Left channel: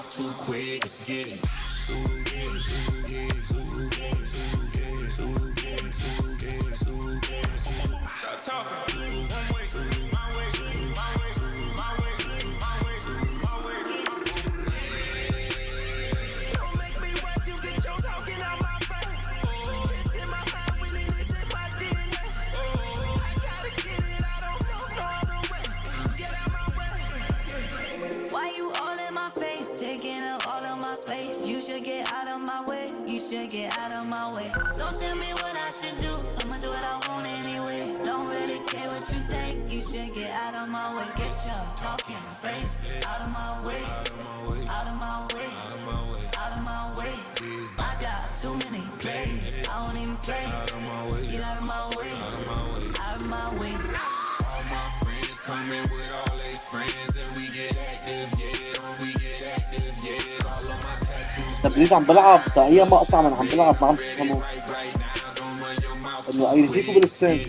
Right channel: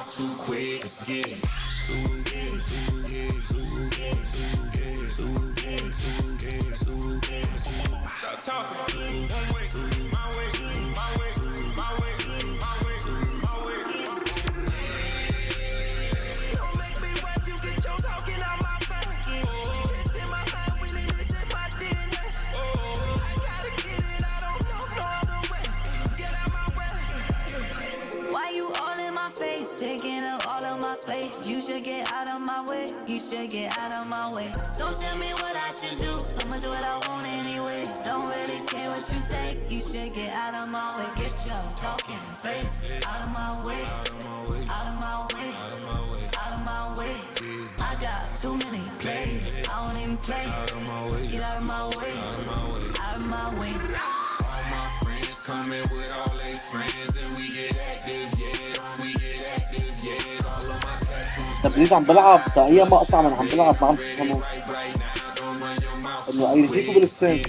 mouth too quick. Let's get it. Stop talking. One way, my way, my way, my way, my way, my way. Don't make me watch you get your talking out my face. It's in my mind, winning this in my DNA. I gotta get it, I don't know no other way. Get out my way. Why you all in my face, taking up all of my space? You should get out of my way, you should get out of my way. Don't tell me what I should do, I'ma do what I want anyway. Don't really care what you think, you should get out of my way. Get your talking face out of my way, out of my way, out of my way, out of my way, out of my way. I got too many plays, I don't even play. Out of my way, get out of my way, out of my way, out of my way. All my friends coming with all their friends, and we get active, yeah. We get active, yeah. All of my tattoos. تبريز عم بلعب اي مقطع من عم بلعب ما عم تفهموا انه ايديكوا بالسن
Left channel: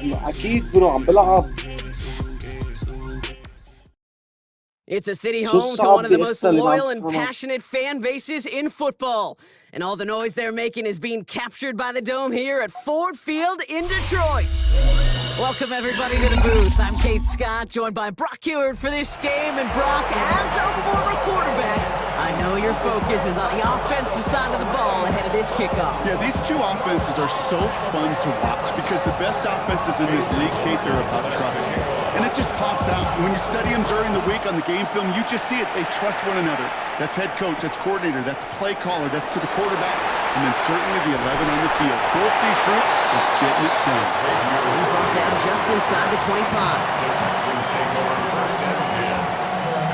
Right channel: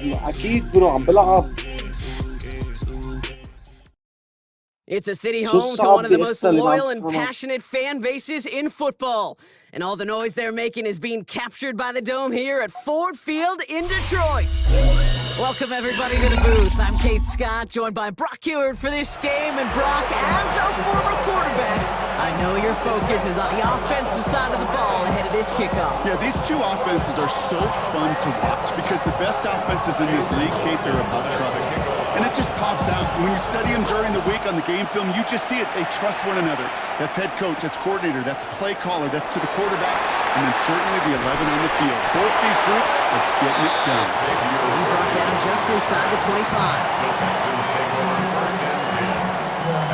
انه اكيد برو عم بلعب. It's a city home to one of the most loyal and passionate fan bases in football. And all the noise they're making is being captured by the Dome here at Ford Field in Detroit. Welcome, everybody, to the booth. I'm Kate Scott, joined by Brock Ewert for this game. And Brock, as a former quarterback, I know your focus is on the offensive side of the ball ahead of this kickoff. Yeah, these two offenses are so fun to watch because the best offenses in this league, Kate, they're about trust. And it just pops out. When you study them during the week on the game film, you just see it. They trust one another. That's head coach, that's coordinator, that's play caller, that's to the quarterback, and then certainly the 11 on the field. Both these groups are getting it done. He's brought down just inside the 25. The Texans take over first and 10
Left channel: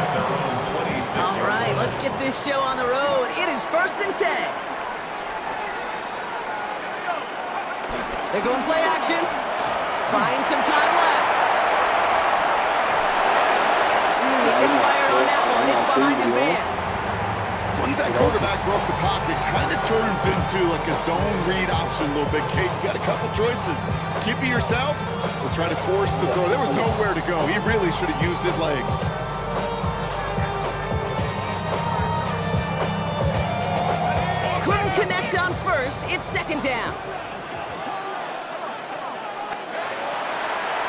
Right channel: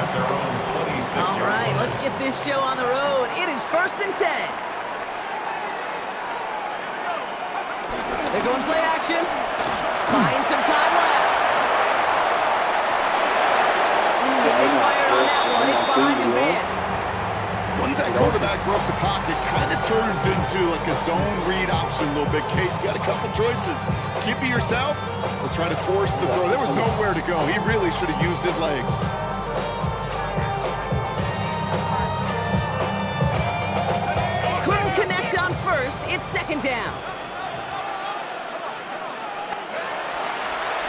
at their own 26. All right, let's get this show on the road. It is first and 10. They're going play action. Buying some time left. He misfired on that one. It's behind his man. Once that quarterback broke the pocket, kind of turns into like a zone read option a little bit. Kate, you got a couple choices. Keep it yourself or try to force the throw. There was nowhere to go. He really should have used his legs. Couldn't connect on first. It's second down.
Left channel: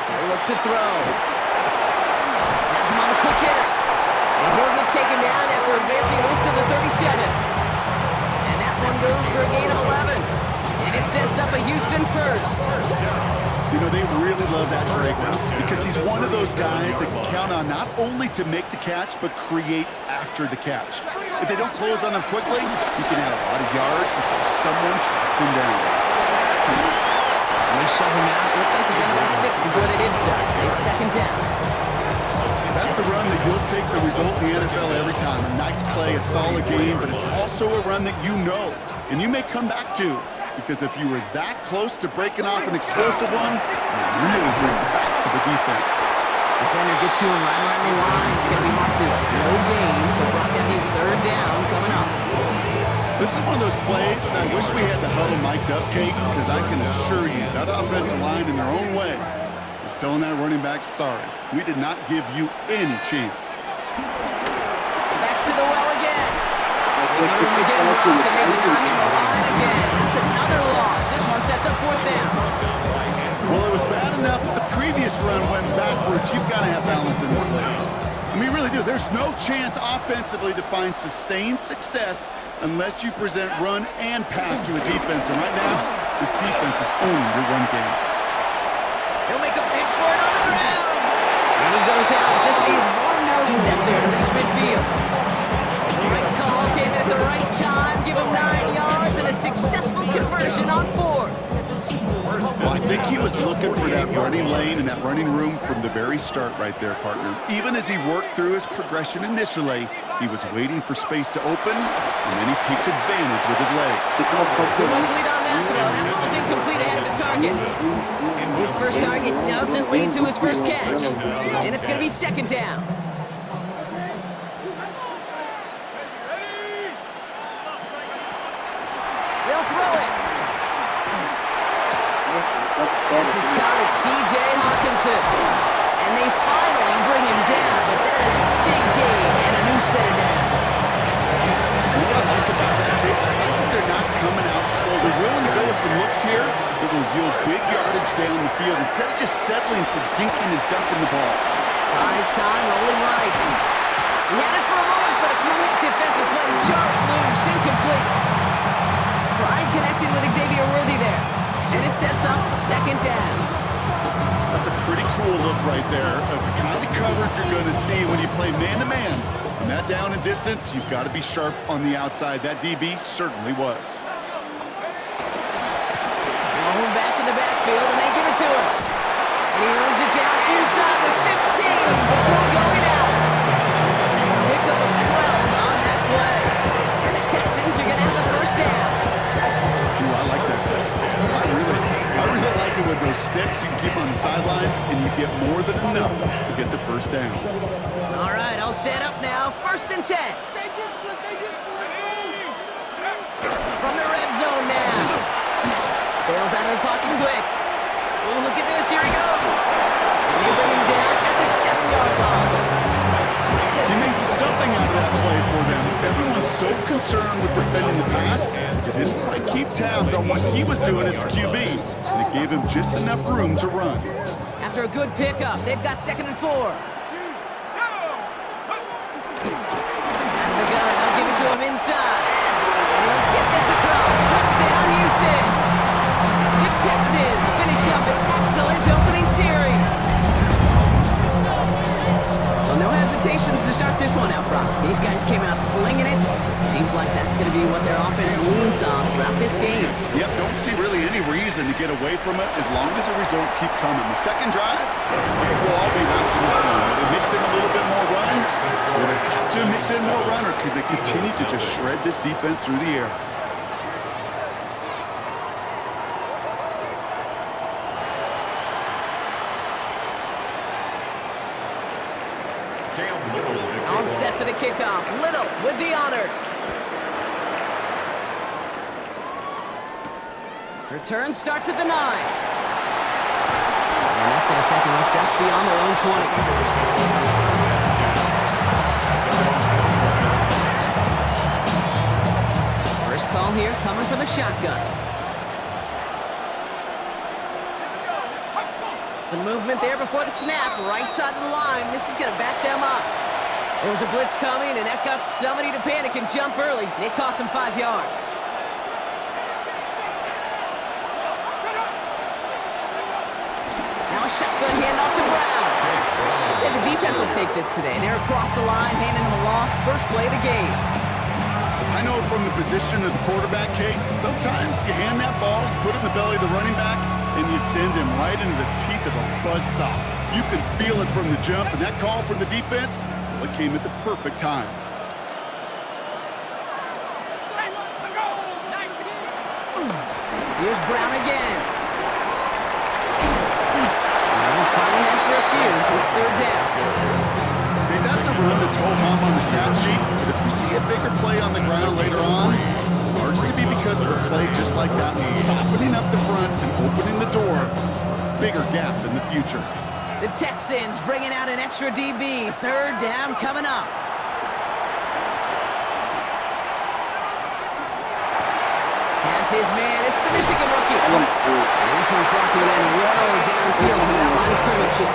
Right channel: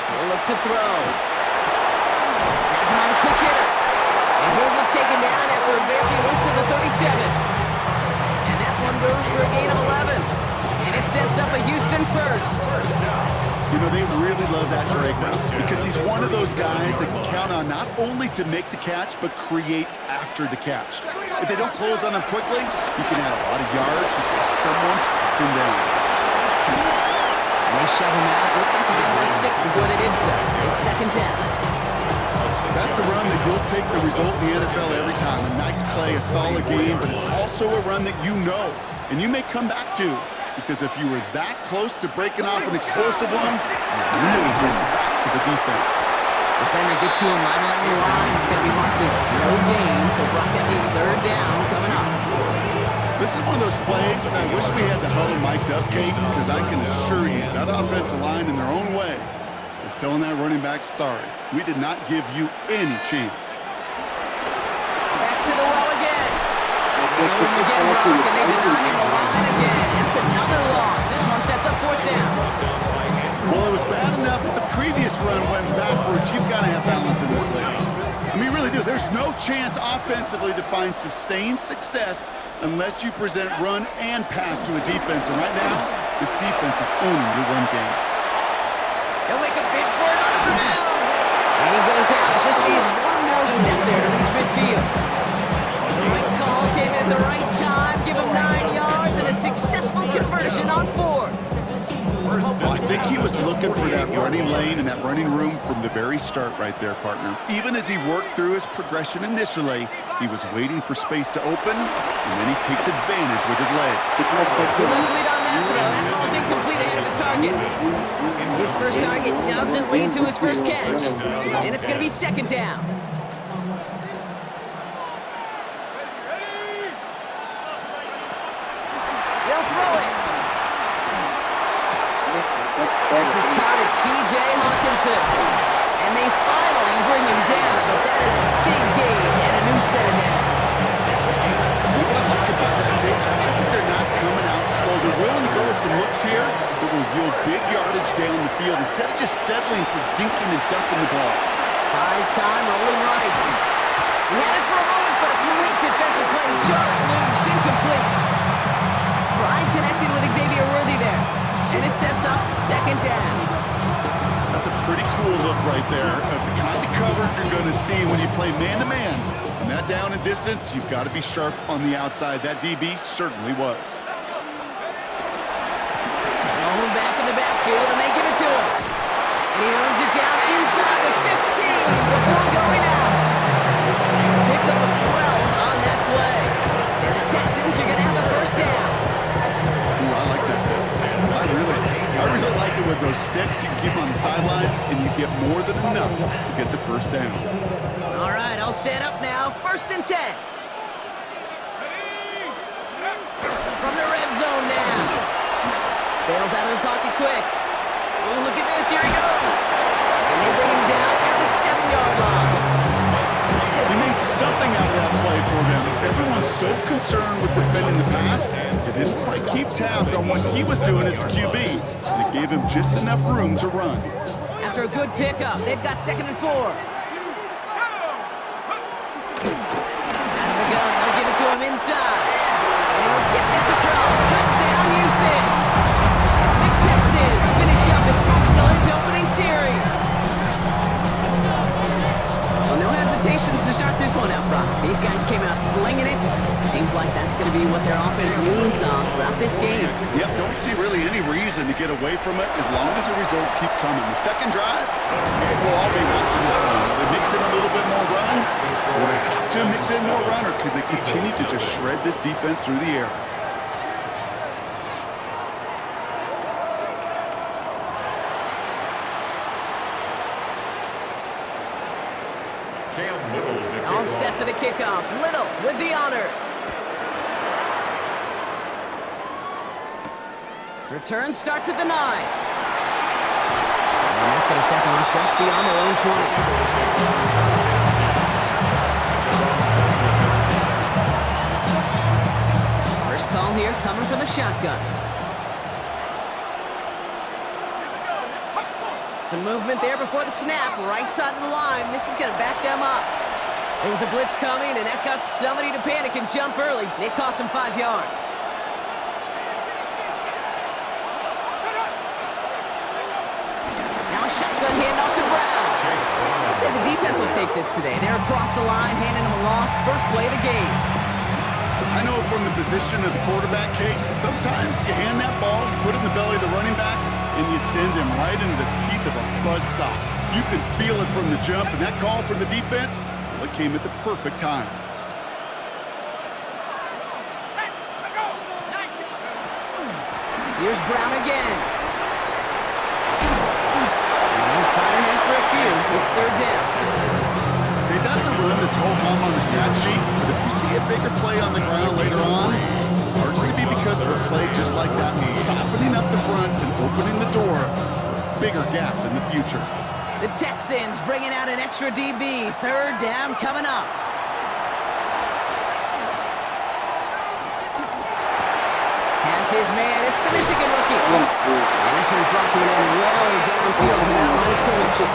He'll look to throw. Has him on the quick hitter. And he'll get taken down after advancing this to the 37. And that one goes for a gain of 11. And it sets up a Houston first. You know, they really love that Drake route because he's one of those guys that can count on not only to make the catch, but create after the catch. If they don't close on him quickly, he can add a lot of yards before someone tracks him down. And they shove him out. Looks like they got about 6 before they did so. It's second down. That's a run that you'll take the result in the NFL every time. A nice play, a solid game, but it's also a run that you know and you may come back to. Because if you were that close to breaking off an explosive one, you really bring the backs of the defense. Defender gets to him right around the line. It's going to be marked as no gain, so Brock, that means third down coming up. This is one of those plays that I wish we had the huddle mic'd up, Kate, because I can assure you that offensive line in their own way is telling that running back, sorry, we did not give you any chance. Back to the well again. Another one again, Brock, and they deny him the line again. That's another loss. This one sets up fourth down. Well, it was bad enough that the previous run went backwards. You've got to have balance in this league. I mean, you really do. There's no chance offensively to find sustained success unless you present run and pass to a defense. And right now, this defense is owning your run game. He'll make a bid for it on the ground. And he goes out. Just needed one more step there to reach midfield. The right call came in at the right time. Give him 9 yards and a successful conversion on 4. Well, I think he was looking for that running lane and that running room from the very start right there, partner. Even as he worked through his progression initially, he was waiting for space to open, and then he takes advantage with his legs. Let's lead on that throw. That ball's incomplete ahead of his target. His first target doesn't lead to his first catch. And it's going to be second down. They'll throw it. This is caught. It's T.J. Hawkinson. And they finally bring him down, but that is a big gain and a new set of downs. What I like about that, Dick, I like that they're not coming out slow. They're willing to go with some looks here that will yield big yardage down the field instead of just settling for dinking and dunking the ball. Buys time, rolling right. He had it for a moment, but a great defensive play to jar it loose, incomplete. Pride connecting with Xavier Worthy there. And it sets up second down. That's a pretty cool look right there of the kind of coverage you're going to see when you play man-to-man. On that down and distance, you've got to be sharp on the outside. That DB certainly was. Home back in the backfield, and they give it to him. And he runs it down inside the 15 before going out. Pickup of 12 on that play. And the Texans are going to have a first down. Ooh, I like that. I really like it with those sticks. You can keep on the sidelines, and you get more than enough to get the first down. All right, I'll set up now. 1st and 10. From the red zone now. Bails out of the pocket quick. Oh, look at this. Here he goes. And they bring him down at the 7-yard line. He made something out of that play for them. Everyone's so concerned with defending the pass, they didn't quite keep tabs on what he was doing as a QB. And it gave him just enough room to run. After a good pickup, they've got 2nd and 4. Out of the gun, they'll give it to him inside. And he'll get this across. Touchdown, Houston. The Texans finish up an excellent opening series. Well, no hesitations to start this one out, Brock. These guys came out slinging it. Seems like that's going to be what their offense leans on throughout this game. Yep, don't see really any reason to get away from it as long as the results keep coming. The second drive, it will all be watching the run. Will they mix in a little bit more run? Will they have to mix in more run, or could they continue to just shred this defense through the air? All set for the kickoff. Little with the honors. Return starts at the 9. And that's going to set them up just beyond their own 20. First call here coming from the shotgun. Some movement there before the snap, right side of the line. This is going to back them up. There was a blitz coming, and that got somebody to panic and jump early. It cost them 5 yards. Now a shotgun handoff to Brown. I'd say the defense will take this today. They're across the line, handing them a loss. First play of the game. I know from the position of the quarterback, Kate, sometimes you hand that ball, you put it in the belly of the running back, and you send him right into the teeth of a buzzsaw. You can feel it from the jump, and that call from the defense, well, it came at the perfect time. Here's Brown again. And firing that for a few. It's 3rd down. Hey, that's a run that's ho-hum on the stat sheet, but if you see a bigger play on the ground later on, it'll largely be because of a play just like that one, softening up the front and opening the door for a bigger gap in the future. The Texans bringing out an extra DB. 3rd down coming up. Has his man. It's the Michigan rookie. And this one's brought to an end well downfield from that line of scrimmage.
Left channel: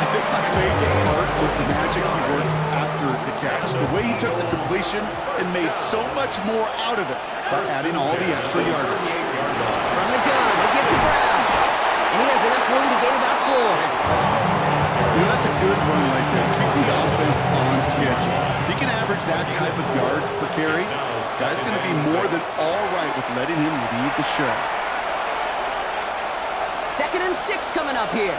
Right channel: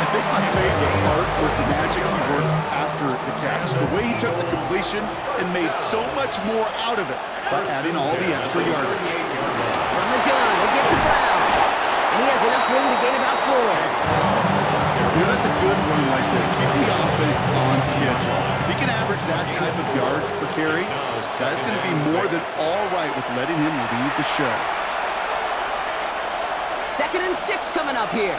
I think my favorite part was the magic he worked after the catch. The way he took the completion and made so much more out of it by adding all the extra yardage. From the gun, they give to Brown. And he has enough room to gain about 4. You know, that's a good run right there. Keep the offense on schedule. If he can average that type of yards per carry, this guy's going to be more than all right with letting him lead the show. 2nd and 6 coming up here.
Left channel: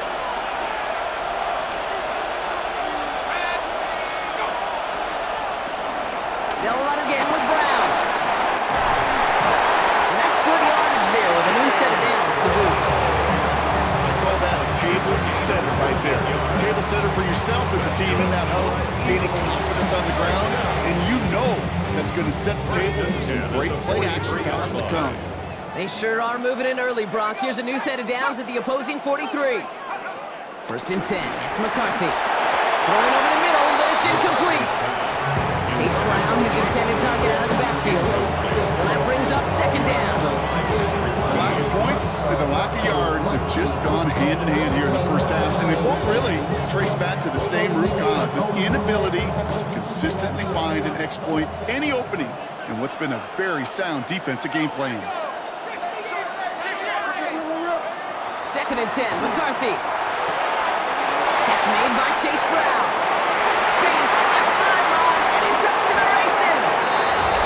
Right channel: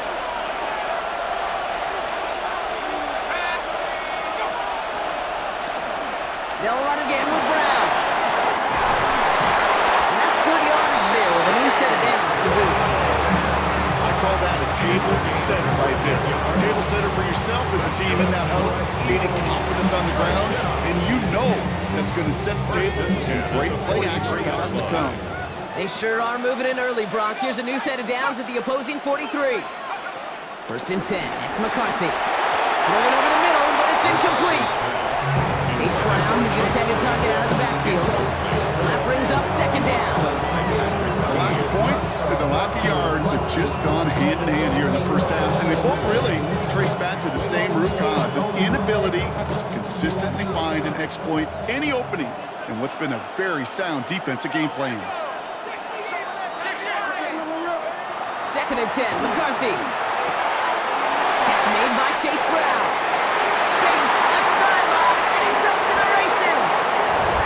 They'll run again with Brown. And that's good yardage there with a new set of downs to boot. I call that a table setter right there. Table setter for yourself as a team in that huddle, gaining confidence on the ground, and you know that's going to set the table for some great play action pass to come. They sure are moving in early, Brock. Here's a new set of downs at the opposing 43. First and 10. It's McCarthy. Throwing over the middle, but it's incomplete. Chase Brown, his intended target, out of the backfield. So that brings up second down. The lack of points and the lack of yards have just gone hand in hand here in the first half, and they both really trace back to the same root cause, an inability to consistently find and exploit any opening in what's been a very sound defensive game plan. Second and 10, McCarthy. Catch made by Chase Brown. Space, left sideline, and he's off to the races.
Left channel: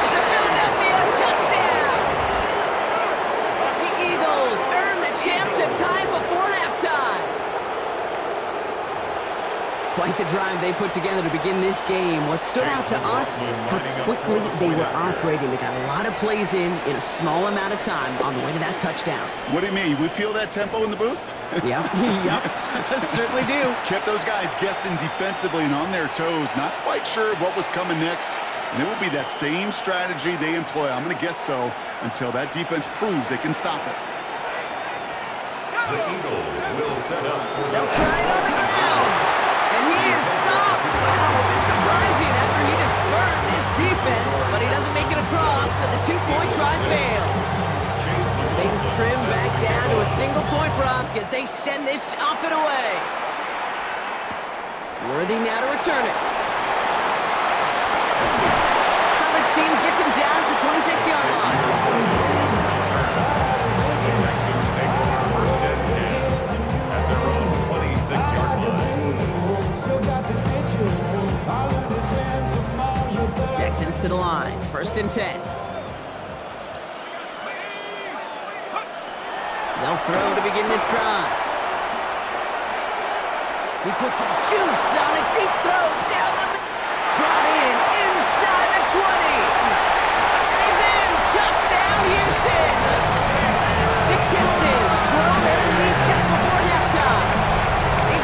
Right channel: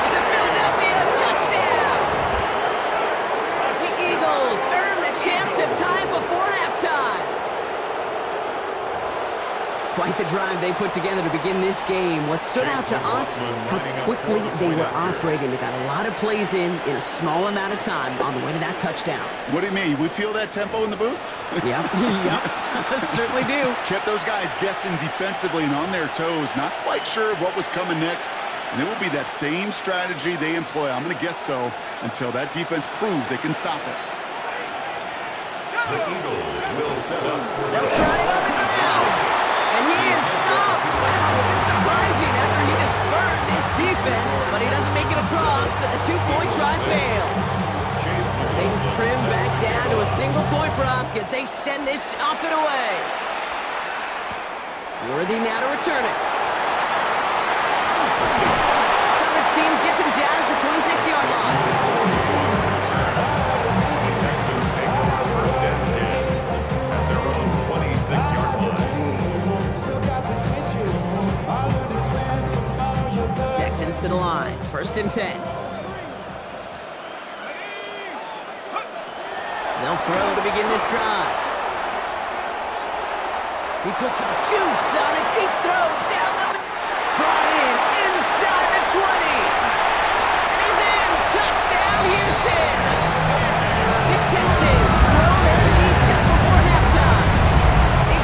It's a Philadelphia touchdown. The Eagles earn the chance to tie before halftime. Quite the drive they put together to begin this game. What stood out to us, how quickly they were operating. They got a lot of plays in a small amount of time on the way to that touchdown. What do you mean? We feel that tempo in the booth? Yep, certainly do. Kept those guys guessing defensively and on their toes, not quite sure of what was coming next. And it will be that same strategy they employ, I'm going to guess so, until that defense proves they can stop it. The Eagles will set up for They'll try it on the ground. And he is stopped. Wow, a bit surprising after he just burned this defense, but he doesn't make it across, and the two-point try failed. Things trim back down to a single-point Brock as they send this off and away. Worthy now to return it. Coverage team gets him down at the 26-yard line. the Texans take over first and 10 at their own 26-yard line. Texans to the line. First and 10. They'll throw to begin this drive. He puts some juice on a deep throw down the middle. Brought in inside the 20. And he's in. Touchdown, Houston. The Texans grow their lead just before halftime.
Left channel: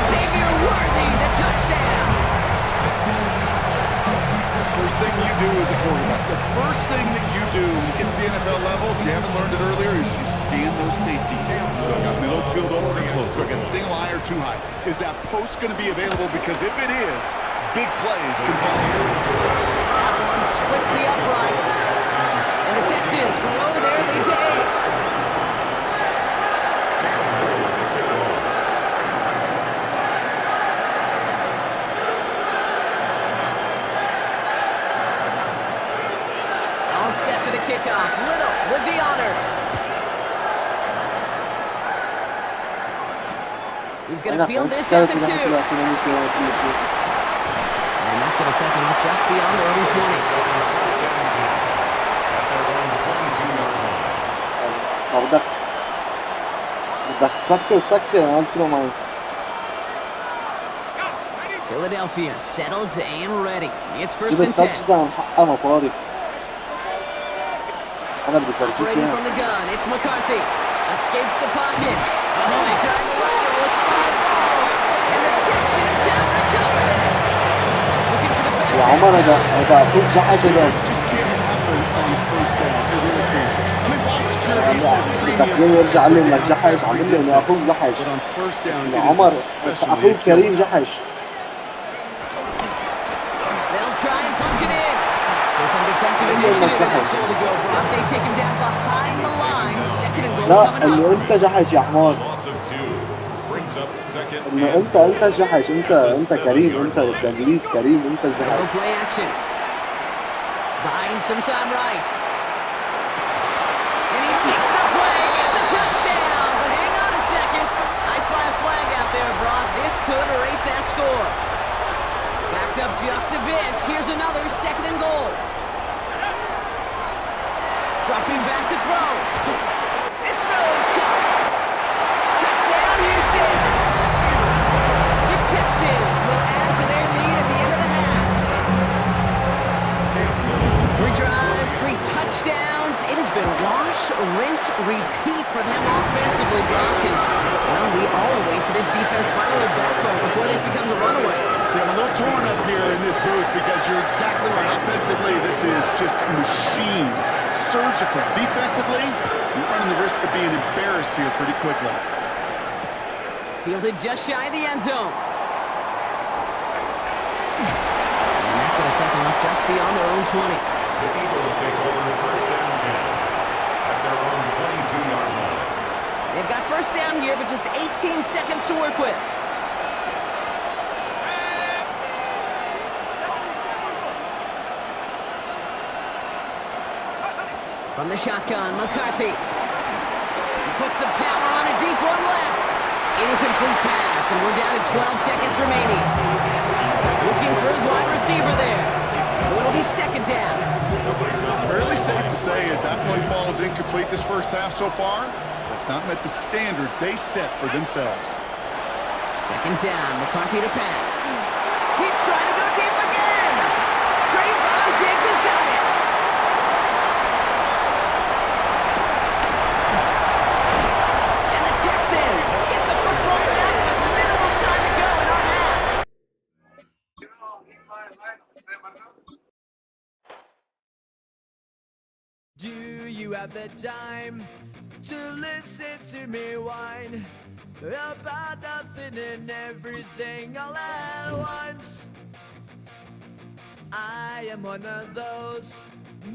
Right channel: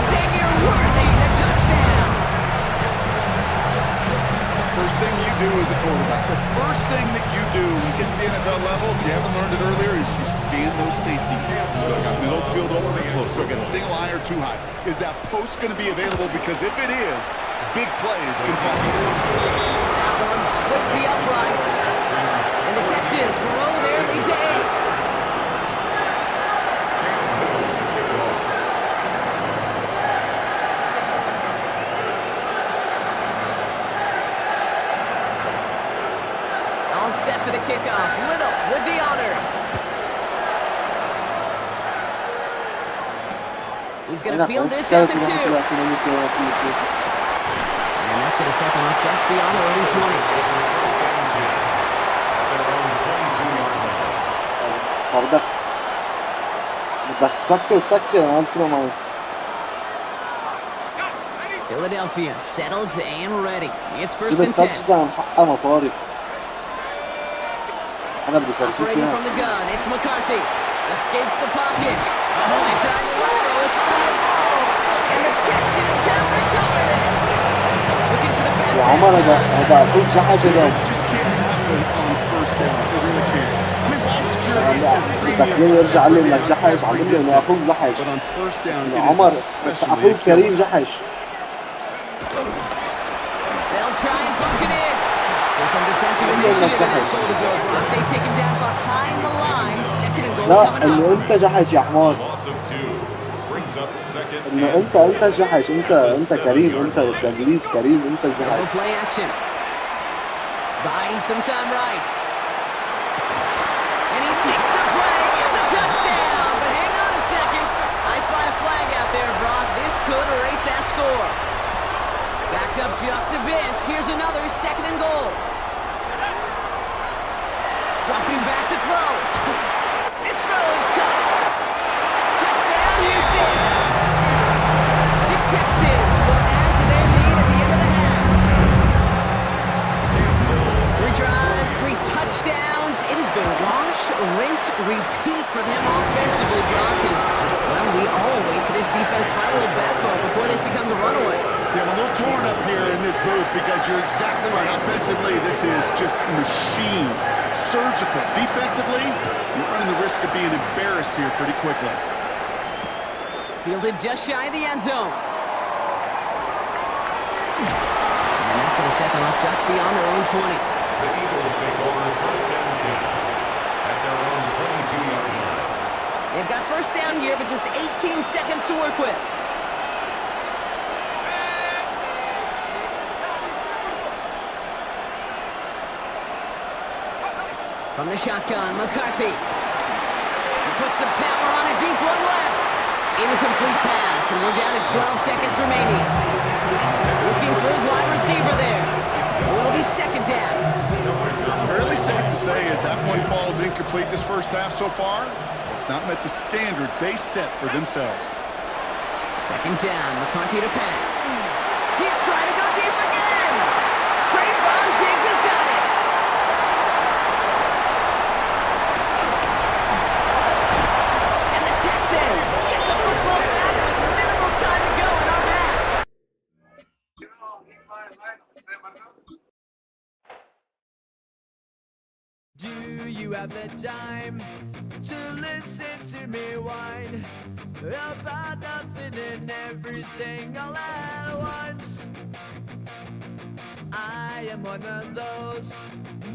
Xavier Worthy, the touchdown. First thing you do as a quarterback, the first thing that you do when you get to the NFL level, if you haven't learned it earlier, is you scan those safeties. Do I got middle field open or close? Do I got single high or too high? Is that post going to be available? Because if it is, big plays can follow. That one splits the uprights. And the Texans grow their lead to 8. All set for the kickoff. Little with the honors. He's going to field this at the 2. And that's going to set them up just beyond their own 20. First and 10 at their own 22-yard line. بدك تسكر انا قلت له معي. Philadelphia settled and ready. It's first جبت and 10. تاتش داون حقها مصاري. انا بدي فرجيك Operating اياها. from the gun, it's McCarthy. Escapes the pocket. Oh, they tried the lateral. It's a live ball. And the Texans have recovered it. Looking for the back. يا عمر هذا اخوك جحش هذا. It just can't happen on first down. It really can't. I mean, ball security is a بدك premium. يرجع علم لك جحش عم بقول له انه اخوك جحش. But on first down, يا it عمر is especially اخوك a كريم killer. جحش. They'll try and punch it in. So some defensive initiative in that goal to go. Brock, they take him down behind the line. Second and goal لا coming انه up. انت جحش يا حمار. Loss of 2 brings up second انه and انت جحش انت كريم انت بالانجليز كريم انت They'll جحش. go play action. Buying some time right. And he makes the play. It's a touchdown. But hang on a second. I spy a flag out there, Brock. This could erase that score. Backed up just a bit. Here's another second and goal. Dropping back to throw. This throw is caught. Touchdown, Houston. The Texans will add to their lead at the end of the half. 3 drives, 3 touchdowns. It has been wash, rinse, repeat for them offensively, Brock. Well, we all wait for this defense to find a little backbone before this becomes a runaway. Yeah, I'm a little torn up here in this booth because you're exactly right. Offensively, this is just machine. Surgical. Defensively, you're running the risk of being embarrassed here pretty quickly. Fielded just shy of the end zone. And that's going to set them up just beyond their own 20. The Eagles take over first and 10 at their own 22-yard line. They've got first down here, but just 18 seconds to work with. From the shotgun, McCarthy. He puts some power on a deep one left. Incomplete pass, and we're down to 12 seconds remaining. Looking for his wide receiver there. So it'll be second down. Fairly safe to say as that one falls incomplete this first half so far. It's not met the standard they set for themselves. Second down, McCarthy to pass. He's trying to go deep again. Trayvon Diggs has got it. And the Texans get the football back with minimal time to go in our half. Do you have the time to listen to me whine about nothing and everything all at once? I am one of those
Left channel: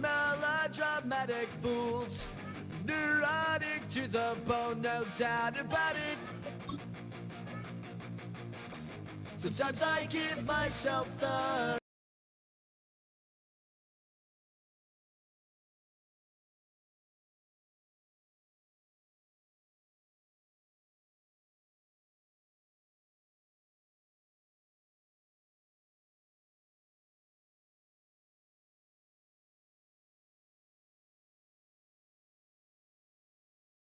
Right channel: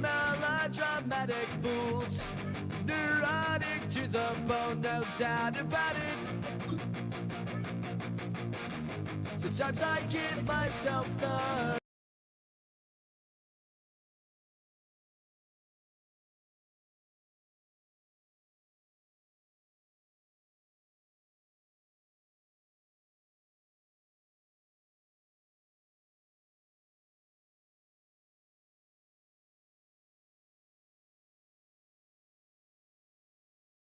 melodramatic fools, neurotic to the bone, no doubt about it. Sometimes I give myself the